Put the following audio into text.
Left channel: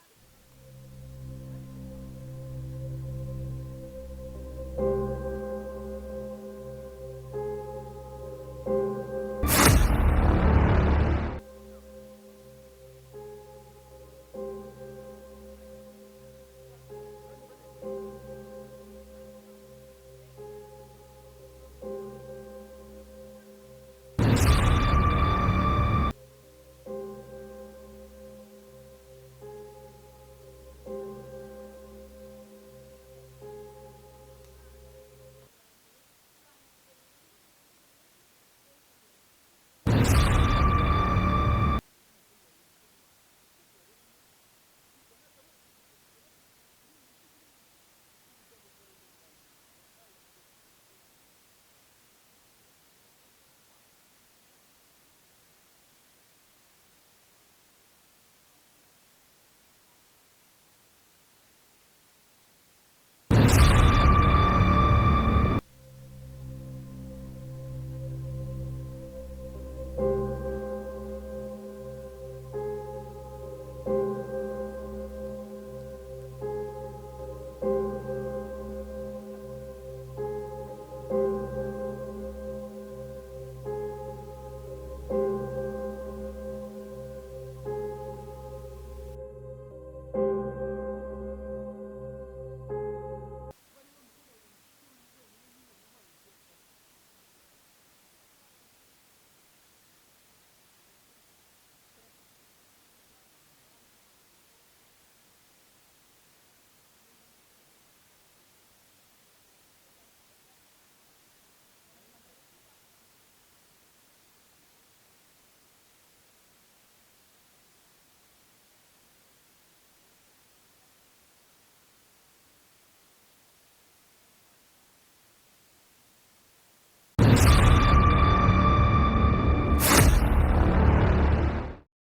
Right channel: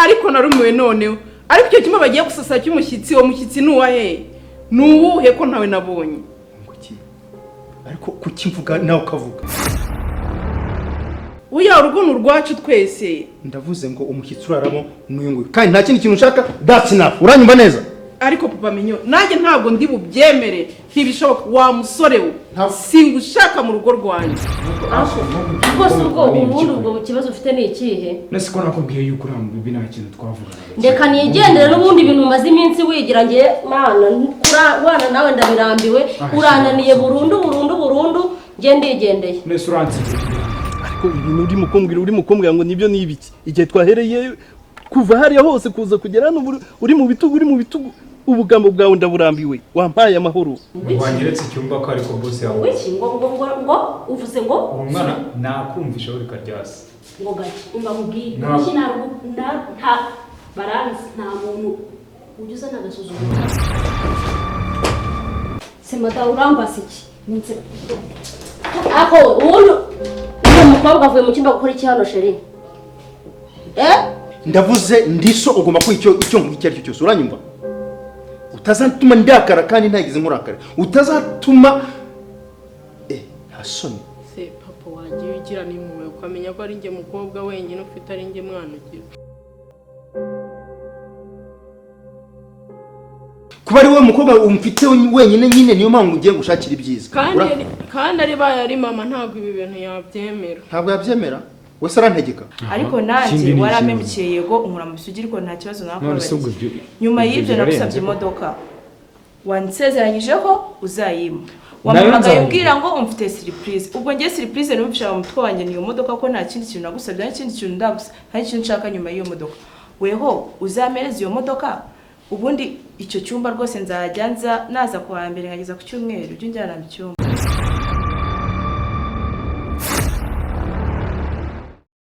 ariko narumiwe noneho ariko icyo kimwe bagiye gusasa cy'umushyitsi wo mushyitsi nuwahe nuwuhe ko ntawe nabonye ariko kuki mvuga nawe ukavuga uya urugono rwacu twese ndavuze ngo umushyitsi uraramo n'uyunguye kandi nta kindi kintu ushaka that's enough uranyumva neza ariko papa menyo nanjye ntabwo ndi bubyemere ntibishoboka wa musore we singushaka mu rugo rwanjye bose ubwo ubundi ubwo kibazo ufite ni ikihe nese ko nakubwiye yuko uri mu bibi nta kintu twavuga ndeka nigendere n'ubundi bintu umaze iminsi wigira ngiye mana wana nawe ndabirambiwe urananiye burundu ngiye ndigendeye nese uranzi uri mukumbwira ngo nibyo nibiki igihe twahereye kuva hariya hose kuza kugera hano uri mu bitugu ubugambo bwawe ndaburambiwe wampaye amahoro wangeretse icyumba ko ariko boss yawe wiki ngo uvuze ngo umwana nakumvisha uri karyasi ngo gaki umba mubwiye iki nta baranzi nta muntu ugize nagasuzuma semata urambase iki ninse ako uwo mukobwa avuye mu cyumba gukora iki hano sheri ndavuze ndiso ugomba ko icyo nk'icyo ari cyo cyose uranyumva utazatuma ndakara kandi ntagize nkurakara utazatuma ntasoni se papa wanjye ugira n'impuhwe ukamenya ko ari njye mukobwa wenyine ufite ari njye mwana ugira kuba ari we mukobwa umfite wenyine nyine niyo mpamvu ugiye gushakira ibyiza kandi ari baye ari mama ntabwo ibi bintu yabyemera ntabwo yabyemera wese arantegeka ariko nanjye waramemukiye yego unkura mu bisugi ariko nta kibazo nakubabariye nyuma y'ibyo nagusabye imodoka wansezeranyije ko uzayima wamamagaye umbwira ngo umfite surprise ubwo ngiye surprise numvisha mu mutwe wanjye niyo modoka ko nta kindi kintu nagusabye nta kindi kintu ndagusa nta kintu nshaka nyuma y'iyo modoka weho uzamereza iyo modoka ubundi icyo cyumba rwose nzajya naza kuwa mbere nkageza ku cyumweru byo njyana mu cyumba